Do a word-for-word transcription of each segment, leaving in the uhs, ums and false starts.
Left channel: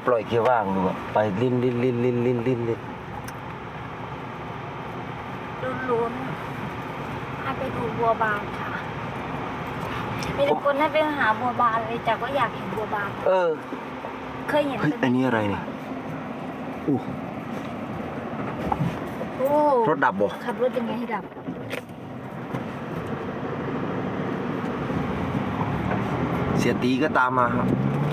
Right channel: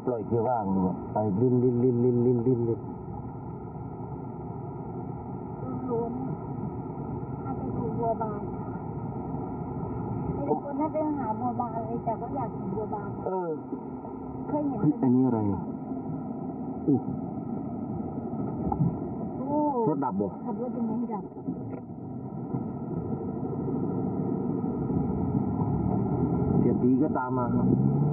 ปล่อยเกียร์ว่างดูอะไปลิ้นลิ้นลิ้นลิ้นลิ้นลิ้นลิ้นลุ้นๆให้ไปดูบัวบานค่ะมีทุกคนให้ไปหาบัวบานเลยจากว่าอยากเห็นบัวบานเออเคยเห็นเฮ้ยอันนี้อะไรเนี่ยอู้โอ้รถดับบ่ขับรถยังไงให้ดับเสียตีก็ตามมาครับ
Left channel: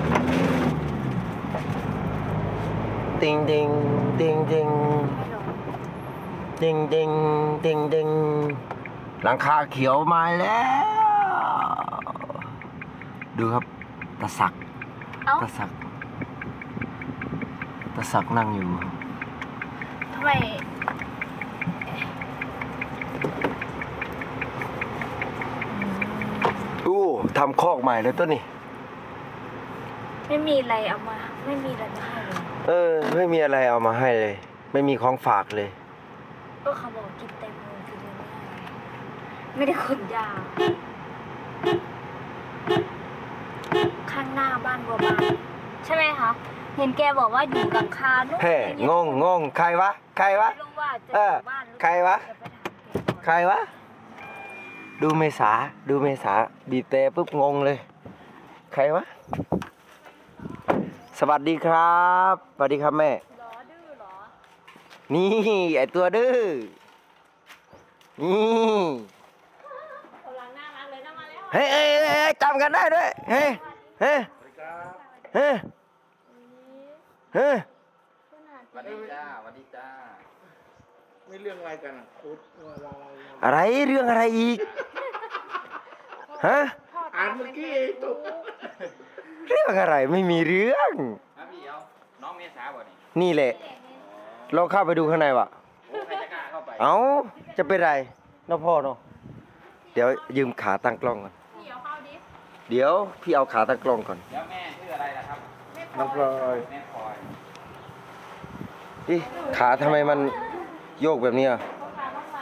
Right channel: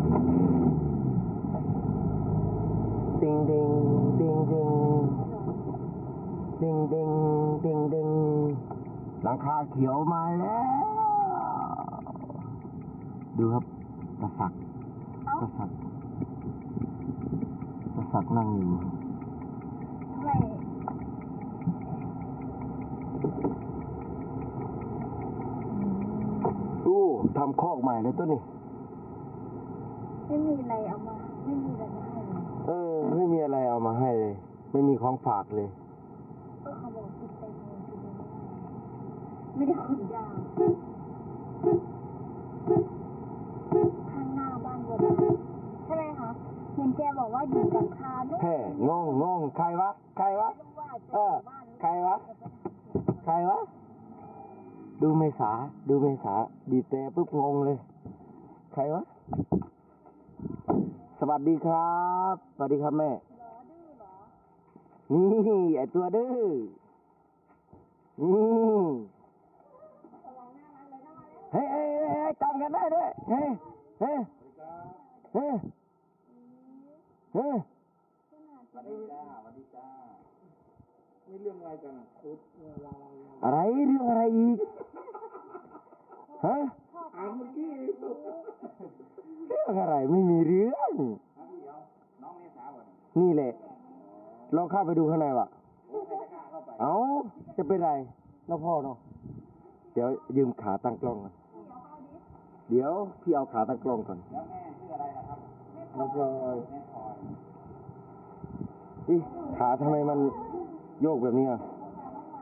ติงติงติงติงติงติงติงติงหลังคาเขียวมาแล้ว ดูครับตาศักดิ์เอ้าตาศักดิ์ตาศักดิ์นั่งอยู่ทำไมอู้ทำคอกใหม่แล้วต้นนี่ไม่มีอะไรเอามา ไม่มีอะไรมาให้เลยเออ ไม่มีอะไรเอามาให้เลย ไม่มีของฝากเลยก็เขาบอกกินแตงโมกินไม่ได้ไม่ได้ขนยาข้างหน้าบ้านบัวบานใช่ไหมคะเห็นแกบอกว่าอยู่หลังคานู่นเฮ้งงงงใครวะ ใครวะไม่รู้ว่าจะเอออยู่บ้านหรือใครวะจไปถามแกก่อนใครวะ ดูเมษา ดูเมษา บีบแต่ปุ๊บงงเลย ใครวะ สวัสดีครับ สวัสดีครับแม่หรอดื้อหรอนี่ไอตัวดื้อ นี่กำลังน่ารักเลยนะมาแล้วเฮ้ยเฮ้ยเฮ้ยจำกันได้ด้วย เฮ้ยเฮ้ยเฮ้ยเฮ้ยสวัสดีจ้าสวัสดีจ้าไม่เรื่องอะไรกันอ่ะคุดอะไรอะไรเรื่องอะไรอีก ฮะอ่านเมื่อกี้ตุ๊กเรื่องอะไรไม่มีเรื่องครับพี่เอาน้องเมษาบ่นี่นี่แหละ ลองเข้าไปดูข้างในวะโอ้ใครจะกล้าเข้าไปเอ้า จะเป็นไรน้องพ่อเนาะเดี๋ยวยืมขาตั้งกล้องก่อนพี่เอาเข้าดิเดี๋ยวพี่เอาขาตั้งกล้องก่อนเดี๋ยวแม่ชื่ออะไรล่ะครับน้ำพลอยแม่พลอยอีขาทำไมมันโยกแบบนี้อ่ะเข้ามาเข้ามา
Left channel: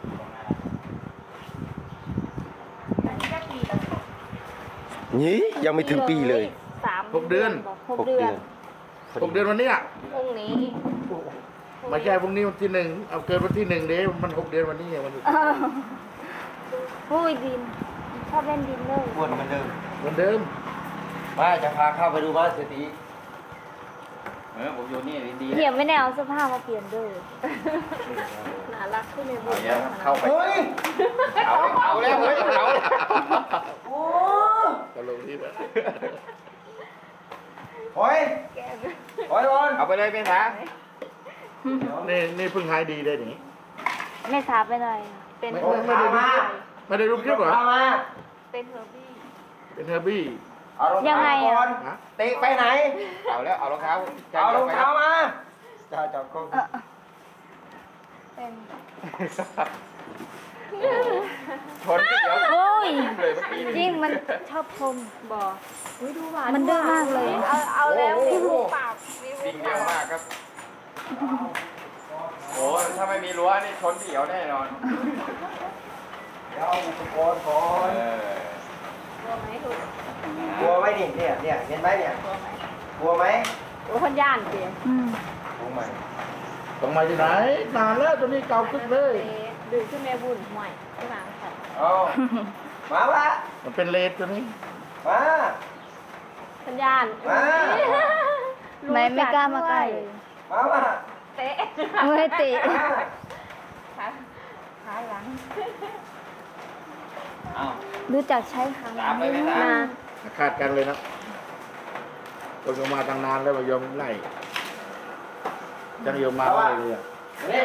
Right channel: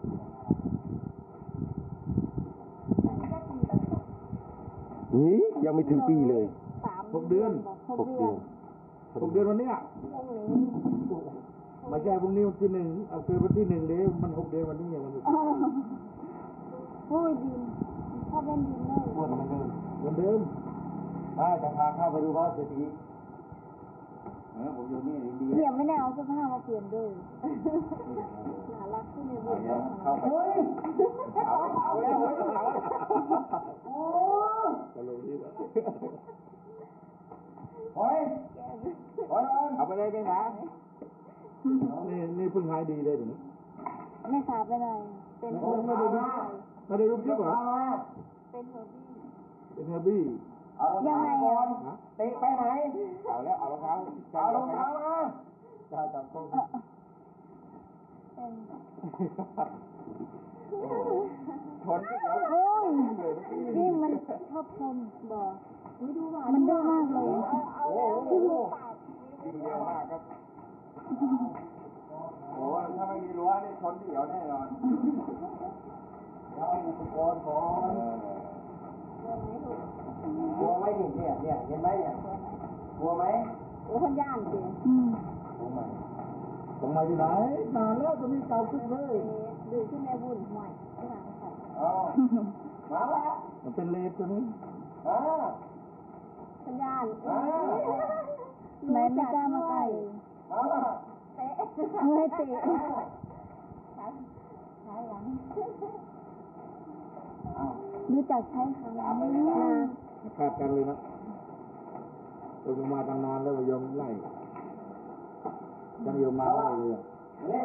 อันนี้ก็ปีนี่ยังไม่ถึงปีเลยสามหกเดือนหกเดือนหกเดือนวันนี้อ่ะพรุ่งนี้ไม่ใช่พรุ่งนี้วันที่หนึ่งเอาเกินวันที่หนึ่งเด้มันหกเดือนวันนี้วันนี้อ้าวอุ้ยดินชอบเล่นดินเลยอ้วนเหมือนเดิมเหมือนเดิมมาจะพาเข้าไปดูบ้านเศรษฐีเออผมอยู่นี่ดีเหี่ยมไม่ได้เอาเสื้อผ้ามาเปลี่ยนด้วยน่ารักขึ้นเลยบุเอาเดี๋ยวเข้าไปเฮ้ยเอาเอาแล้วเฮ้ยเอาโอ้ก็ลงที่แล้วโอ้ยโอ้ยบอลเอาไปเลยเมษานี่นี่เพิ่งหายดีได้หนิไม่ทราบไปเลยเป็นไม่เฮอร์ไม่ได้ดูไม่ได้ดูคลิปเหรอเอามาเป็นเฮอร์บี้เป็นเฮอร์บี้เอารองยังเท้าไงอะก่อนฮะเตะไปไหนเอาแล้วเอารองเท้าเอารองเท้ามาจ้าจับกล้องเป็นชนที่เดี๋ยวโอ้ยเลยเมื่อกี้จริงมันชอบชมบ่อุ้ยดูหวานมันดื้อมากเลย เอาเอาแล้วพี่หูปากวิ่งเร็วมากครับโอ้ถ้าไม่มีรั้วนี่ชนที่เดี๋ยวแน่นอนเดี๋ยวเอาอุปกรณ์ก่อเอน อกลัวไหมถูกกลัวไหมนี่เนี่ยเนี่ยเห็นไหมเนี่ยกลัวไหมโอ้คนย่านเสียอืมกลัวไหมต้องมาที่ไหนนานแล้วตัวนี้เก่าขึ้นเลยดื้อขึ้นแม่บุญห่วยที่ร้านค่ะเอามาปะมันเป็นเลดตัวนี้มาคนย่านมาไม่ไม่กล้ามาใกล้มามาเตะไม่เตะมาขาหลังเอารู้จักใช้ขาหลัตามงไปไหมมาตามคาดกันเลยนะคนก็มาตั้งนานแล้วมายอมไล่จังยอมมาไล่เลยอะนี่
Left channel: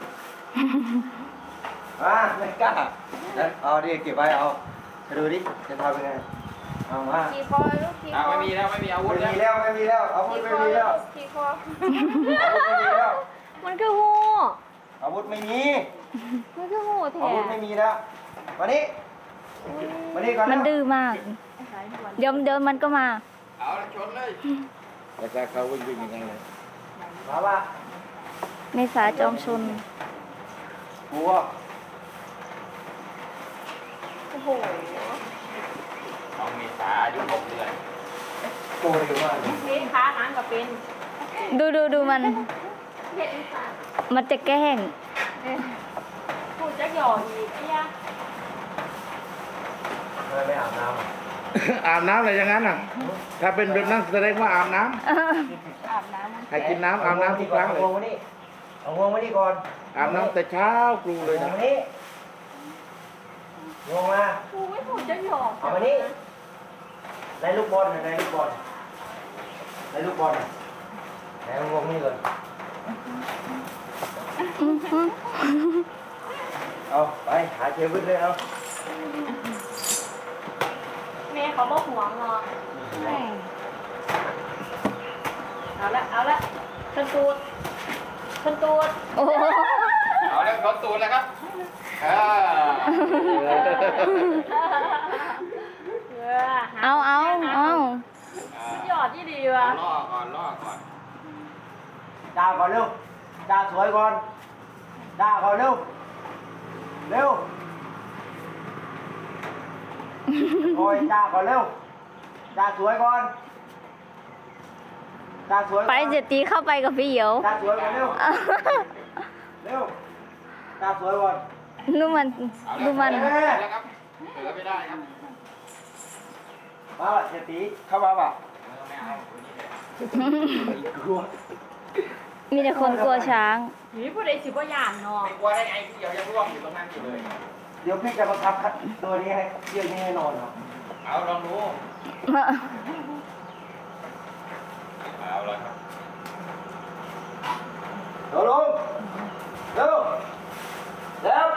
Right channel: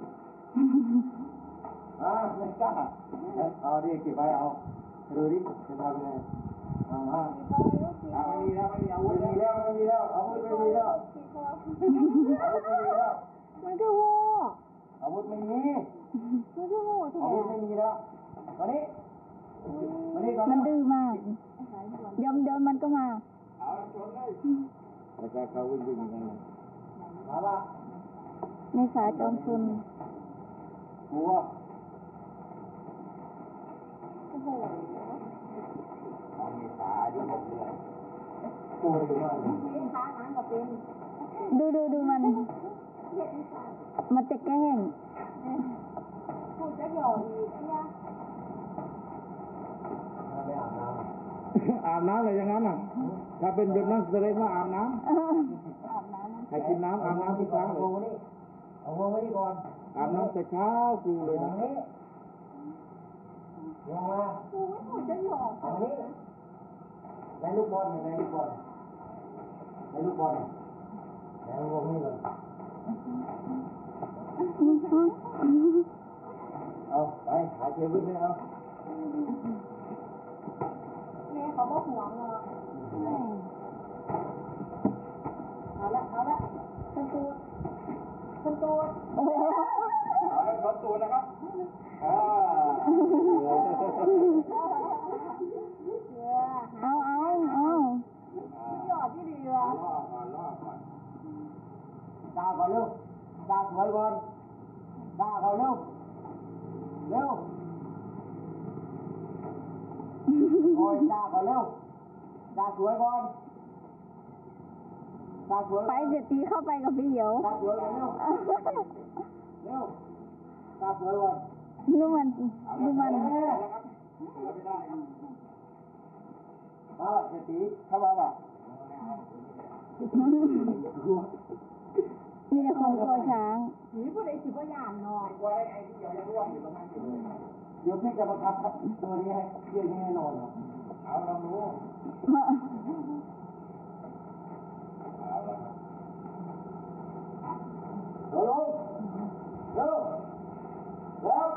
มาไม่กล้าเอาดิเก็บไว้เอาไปดูดิจะทำยังไงเอามาขี่คอลูกขี่คเอาอไม่มีแล้วไม่มีอาวุธไม่แล้วมีแล้วไม่มีแล้วอาวุธขี่ไม่คอมีแล้วขี่คออาวุธไม่มีแล้วมันคือหูอาวุธไม่มีมันคือหูแท้อาวุธไม่มีแล้วมานี่มานี่ก่อนมันดื้อมาก เดี๋ยวเดินมันก็มาเอาชนเลยแต่ถ้าเขาวิ่งวิ่งอย่างนั้นเลยมาปะเมษาจอมชนกลัวโอ้โหน้องเมษาอายุหกเดือนกตัวเร็วมากเลยนี่ค้าน้ำกับเป็นดูดูดูมันเห็ดอีสานมันจะแกล้งพูดจะหยอดอีกไอ้ยะทำไมไม่อาบน้ำอ่ะอาบน้ำอะไรอย่างนั้นอ่ะ ถ้าเป็นแบบนั้นแสดงว่าอาบน้ำอาบน้ำมันให้กินน้ำอาบน้ำทุกครั้งเลยเอางวงมานี่เอางวงมานี่ก่อนอาบน้ำแต่เช้ากรูเลยเอานะมานี่งวงมากูไม่พูดจะหยอดเอามานี่ในลูกบอลน่ะในลูกบอลในลูกบอลน่ะไหนเอางวงนี่ก่อนเอาไปหาเจวิตเลยเอาแม่เขาบอกห่วงเนาะเอาละเอาละขึ้นตูดขึ้นตูดโอ้โหเอาแล้วเขาตูนแล้วครับอ่าเอาเอาเอาหยอดที่ดีอ่าวะล่อก่อนล่อก่อนจ้าก่อนเร็วจ้าสวยก่อนจ้าก่อนเร็วเร็วโอ้ยจ้าก่อนเร็วจ้าสวยก่อนจ้าสวยก่อนไปเจตีเข้าไปกับพี่เหียวจ้าสวยก่อนเร็วเร็วจ้าสวยก่อนดูมันเอาดูแล้วมันเอาแล้วครับเสือไม่ได้ครับมาเจตีเข้ามาป่ะเออไม่เอาคนนี้เลยกลัวมีแต่คนกลัวช้างหนีผู้ใดสิบ่ย่านเนาะไม่กลัวได้ไงที่เดี๋ยวยังร่วงอยู่ตรงนั้นอยู่เลยเดี๋ยวพี่จะบังคับตัวนี้ให้เที่ยวนี้ให้นอนเหรอเอาลองดูเอาเลยครับเร็วลงเร็วเร็ว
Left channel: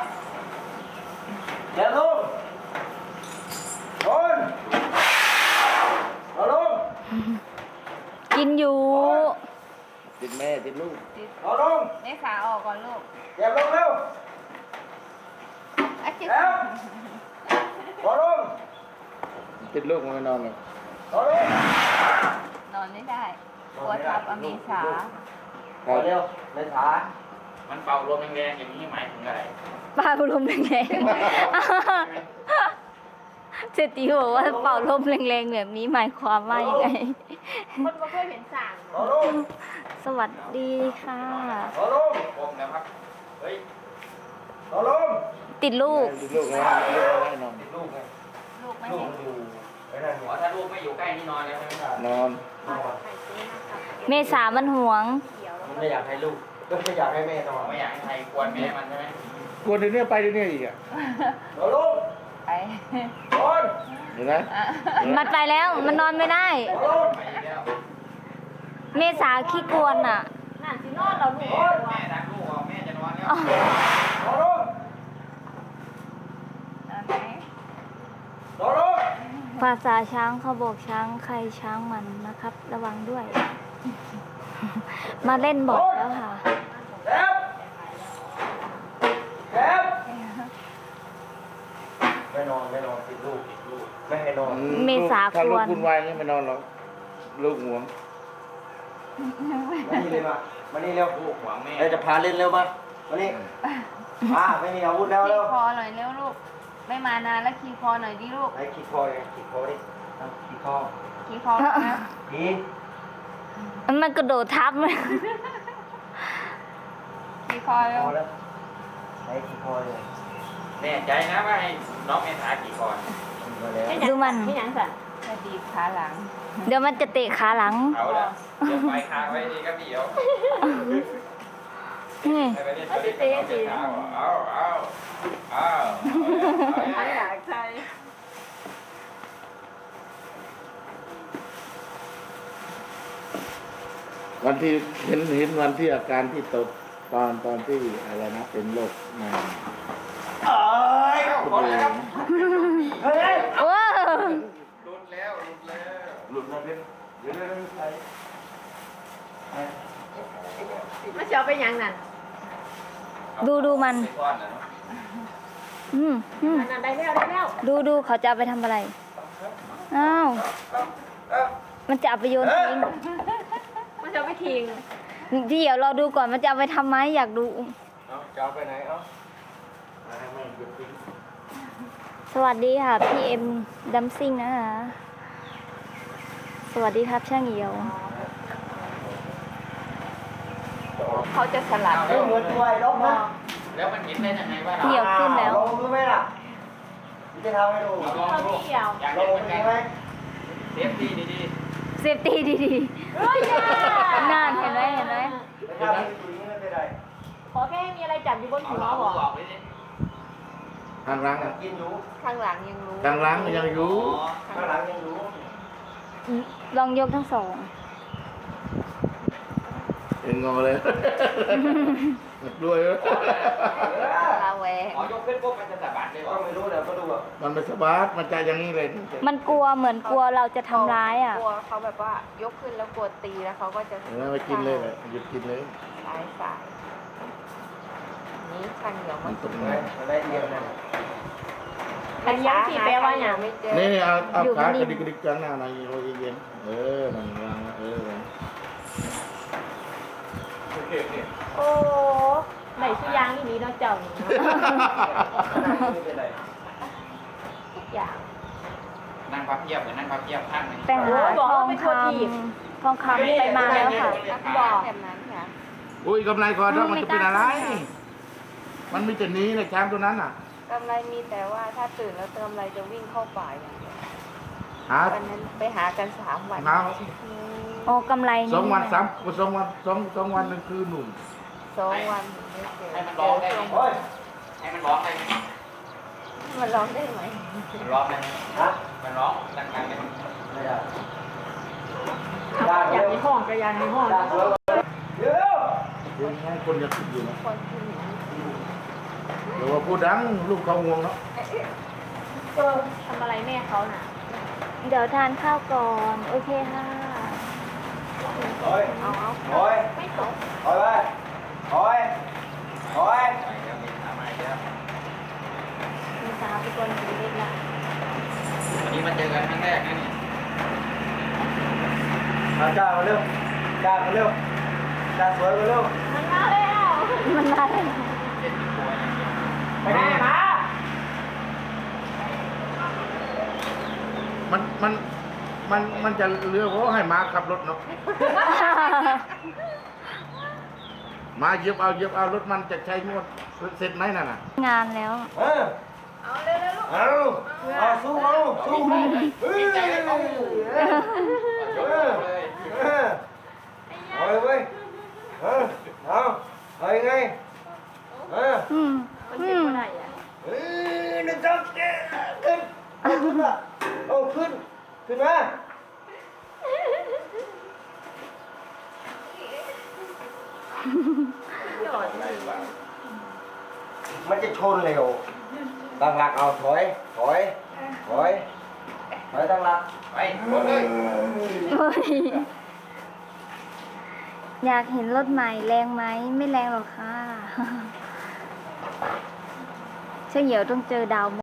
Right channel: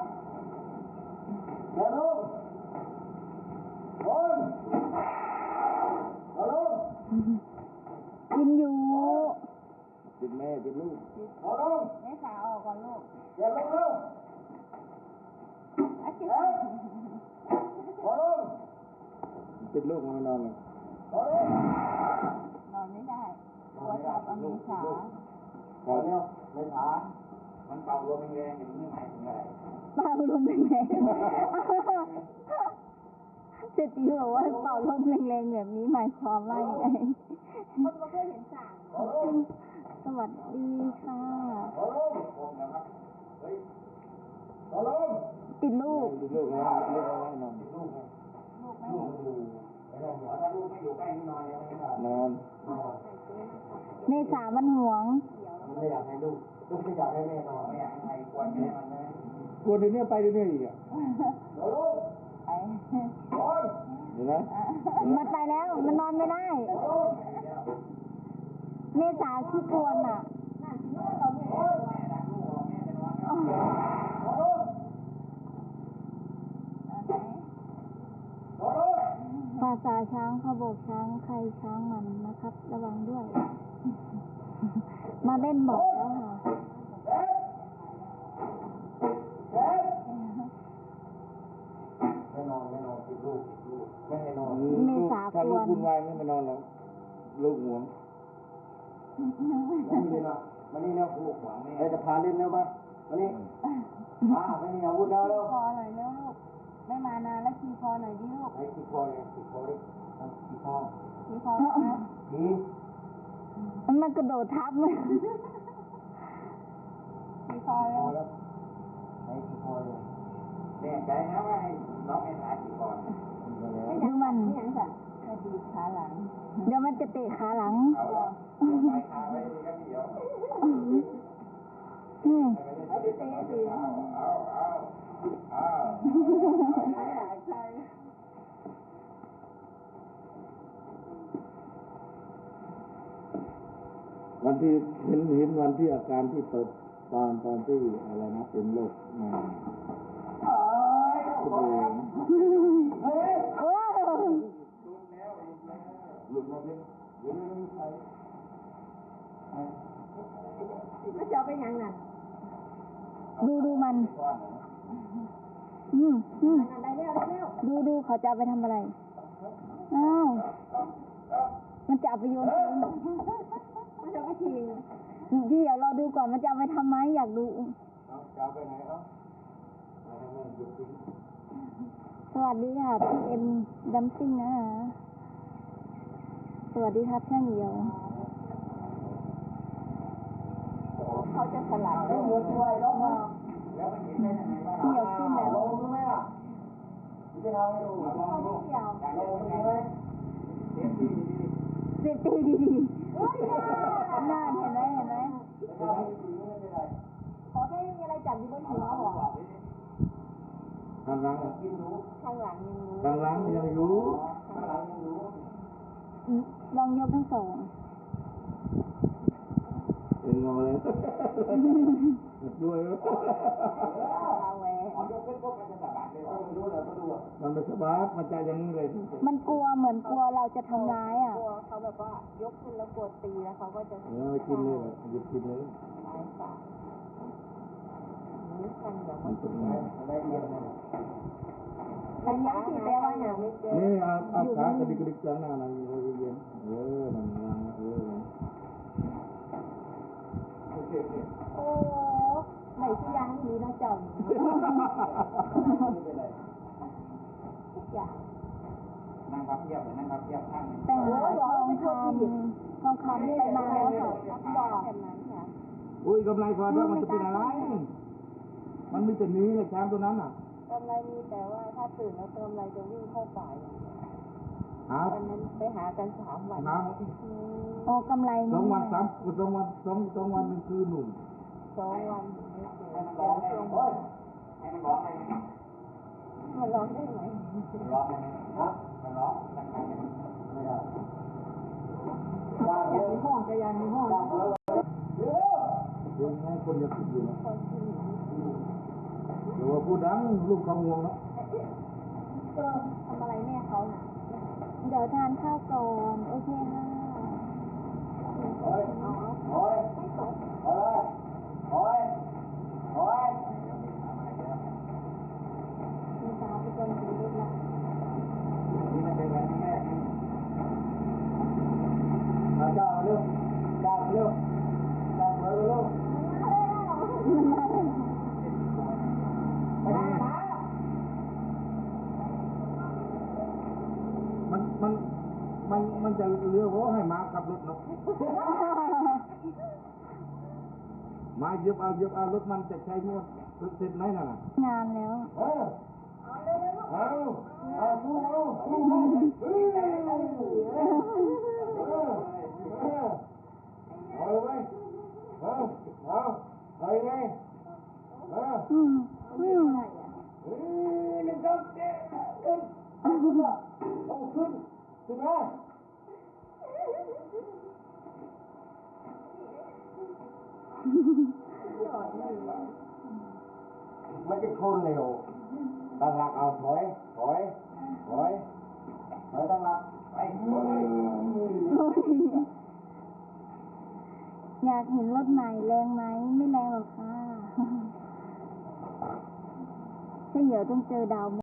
เร็วลงโดนเร็วลงกินอยู่ติดแม่ติดลูกเร็วลงนี่ขาออกก่อนลูกเก็บลงเร็วอ่ะจิ๊บเร็วเร็วลงติดลูกมันไม่นอนหรอกเร็วลงนอนไม่ได้กลัวทับอเมษาเร็วเลยขามันเป่าลมแรงๆอย่างนี้หมายถึงอะไรปลาลมแรงๆเจตีบอกว่าเป่าลมแรงๆแบบนี้หมายความว่ายังไงคนบ่เคยเห็นสั่งเร็วลงสวัสดีค่ะเร็วลงปมนะครับเฮ้ยเร็วลงติดลูกติดลูกนะติดลูกไม่ให้นอนติดลูกไงลูกไม่ลูกเห็นมันอยู่ไอ้นั่นไงอ๋อถ้าลูกไม่อยู่ใกล้นี่นอนเลยใช่ไหมนอนเมษามันห่วงมันไม่อยากให้ลูกก็ไม่อยากให้แม่นอนไม่อยากให้ใครกวนแม่มันใช่ไหมกลัวเดี๋ยวนี้ไปเดี๋ยวนี้อีกอ่ะเร็วลงไปนอนเห็นไหมมันไปแล้ว มันนอนไม่ได้เร็วลงไปแล้วเมษาขี้กวนอ่ะน่าสินอนเราลูแม่กแม่รักลูกอ่ะแม่จะนอนแล้วเร็วลงเอาไหนเร็วลงภาษาช้างเขาบอกช้างใครช้างมันนะครับ ระวังด้วย มาเล่นบ่อยแล้วค่ะแอบแอบไม่นอนไม่นอนติดลูกติดลูกไม่ให้นอนเมษาถ้าลูกกวนคุณวายนี่ไม่นอนหรอกลูกห่วงมานี่เลยมามานี่เร็วลูกหวังแม่เราจะพาเล่นเร็วมามานี่มาไม่มีอาวุธแล้วขี่เร็วคอหน่อยเร็วลูก ไม่มานานแล้วขี่คอหน่อยดิลูกไอ้ขีดคอเลยขีดคอดิเอาขีดคอขี่คอนะขีมันกระโดดทับเลยขี่คอคเร็วอแล้วไอ้ขีดคอเลยแน่ใจนะว่าให้น้องเมธากี่ก่อนมาแล้วดูมันพี่นังสันจะดีบขาหลังเดี๋ยวมันจะเตะขาหลังเอาละเดี๋ยวไปค้างไว้ดีก็เดี๋ยวนี่ให้ไปเล่นตัวนี้กับน้องเมธาเอาเอาเอาขาหลังใจวันที่เห็นเห็นวันที่อาการที่ตกตอนตอนที่อะไรนะเป็นโรคมาเอ้ยคุณเองเฮ้ยว้าวหลุดแล้วหลุดแล้วหลุดมาเป็นเดี๋ยวเดี๋ยวเดี๋ยวใส่มาเชียวไปยังนั่นดูดูมันไปก้อนนะเนาะอืมอืมนั่นได้แล้วได้แล้วดูดูเขาจะเอาไปทำอะไร อ้าว มันจะเอาไปโยนทิ้งมาเชียวไปทิ้งเดี๋ยวเราดูก่อนมันจะเอาไปทำไหมอยากดูเอาจะเอาไปไหนเอามาให้มันหยุดทิ้งสวัสดีค่ะ พี่เอ็มดัมซิงนะคะสวัสดีครับช่างเหี่ยวเขาจะสลัดเฮ้ยเหมือนตัวไอ้ล็อกนะแล้วมันเห็นได้ยังไงว่าเหี่ยวขึ้นแล้วลองดูไหมล่ะจะทำให้ดูลองดูอยากลเห็อน งเหมือนดูกันไหมเซฟตี้ดีเซฟตี้ดีๆนานเห็นไหมเห็นไหมไม่ทำให้ดูอย่างนี้ไม่เป็นไรขอแค่ให้มีอะไรจับอยู่บนๆหัเอาวลองบดูอกออกเลยดิข้างหลังอ่ะกินอยู่ข้างหลังยังรู้ข้างหลังยังอยู่ข้างหลังยังรู้ลองยกทั้งสองเอ็งงอเลยด้วยลาแวงอ๋อยกขึ้นปุ๊บมันจะสะบัดเลยก็วะไม่รู้เดี๋ยวก็ดูอ่ะมันไม่สบายมันจะอย่างนี้เลยมันกลัวเหมือนกลัวเราจะทำร้ายอ่ะกลัวเขาแบบว่ายกขึ้นแล้วกลัวตีแล้วเขาก็จะเออไม่กินเลยเลยหยุดกินเลยสายสายนี้ข้างเหนียวมัมัน นตกเห็นเลไหมยมันได้เอียงนะอันนี้ที่แปลว่าอย่างไม่เจอนี่เอาเอาอยู่ขากนิ่ระมดิกกระดิกจังหน้าหน่อยโอ้ยเย็นเออมันวางเออโอเคโอเคโอ้ไหนชื่อยางนี้เนาะเจ้านี่ไม่เป็นไรทุกอย่างนั่งพับเพียบเหมือนนั่งพับเพียบข้างหนึงแต่หาทองคำทองคำไปมาแล้วค่ะบอกแบบนั้นค่ะอุ้ยกำไรคอดอกมันจะเป็นอะไร มันมีแต่นี้เลยช้างตัวนั้นอ่ะกำไรมีแต่ว่าถ้าตื่นแล้วกำไรจะวิ่งเข้าป่าอย่างเดียวหาวันนั้นไปหากันสามวันหาอืมโอ้กำไรสองวันสามสองวันสองสองวันหนึ่งคืนหนุ่มสองวันถึงได้เจอให้มันเจร้องอได้ช่วงไหมให้มันร้องได้ไหมมันร้องได้ไหมมันร้องได้ไหมฮะมันร้องดังๆเลยไม่ได้อยากมีห้องก็อยากมีห้องเดี๋ยวเดี๋ยวให้คนอยากติดอยู่นะคนที่หนีเดี๋ยวว่าพูดดังลูกเขางวงเนาะเออทำอะไรแม่เขาน่ะเดี๋ยวทานข้าวก่อน โอเคค่ะโอ้ยเอาเอาโอ้ยไม่ตกโอ้ยไปโอ้ยโอ้ยไปแล้วมีทำอะไรแล้วมีสาวเป็นคนถือเล็กละวันนี้มาเจอกันครั้งแรกนะเนี่ยมาจ้ามาเร็วจ้ามาเร็วจ้าสวยมาเร็วมันมาแล้วมันมาเลยเล่นเป็นตัวอย่างเดียวไปไหนมามันมันมันมันจะเรือเพราะให้มาขับรถเนาะมาเหยียบเอาเหยียบเอารถมันจะใช้งวดเสร็จไหมนั่นน่ะงานแล้วเออเอาเร็วๆลูกเอาเอาสู้เอาสู้เฮ้ยดีใจเลยเขายกเลยเออเอาเลยเว้ยเออเอาเอายังไงเอออืมมันอืเจ็บมเมื่อไหร่อ่ะเฮ้ยหนึ่งสองเจ็ดขึ้นเอาขึ้นมาเอาขึ้นขึ้นมาจอดอยู่มันจะชนเร็วตั้งหลักเอาถอยถอยถอยถอยตั้งหลักไปหมดเลยเฮ้ยอยากเห็นรถใหม่แรงไหม ไม่แรงหรอกค่ะ เช่างเหี่ยวต้องเจอดาว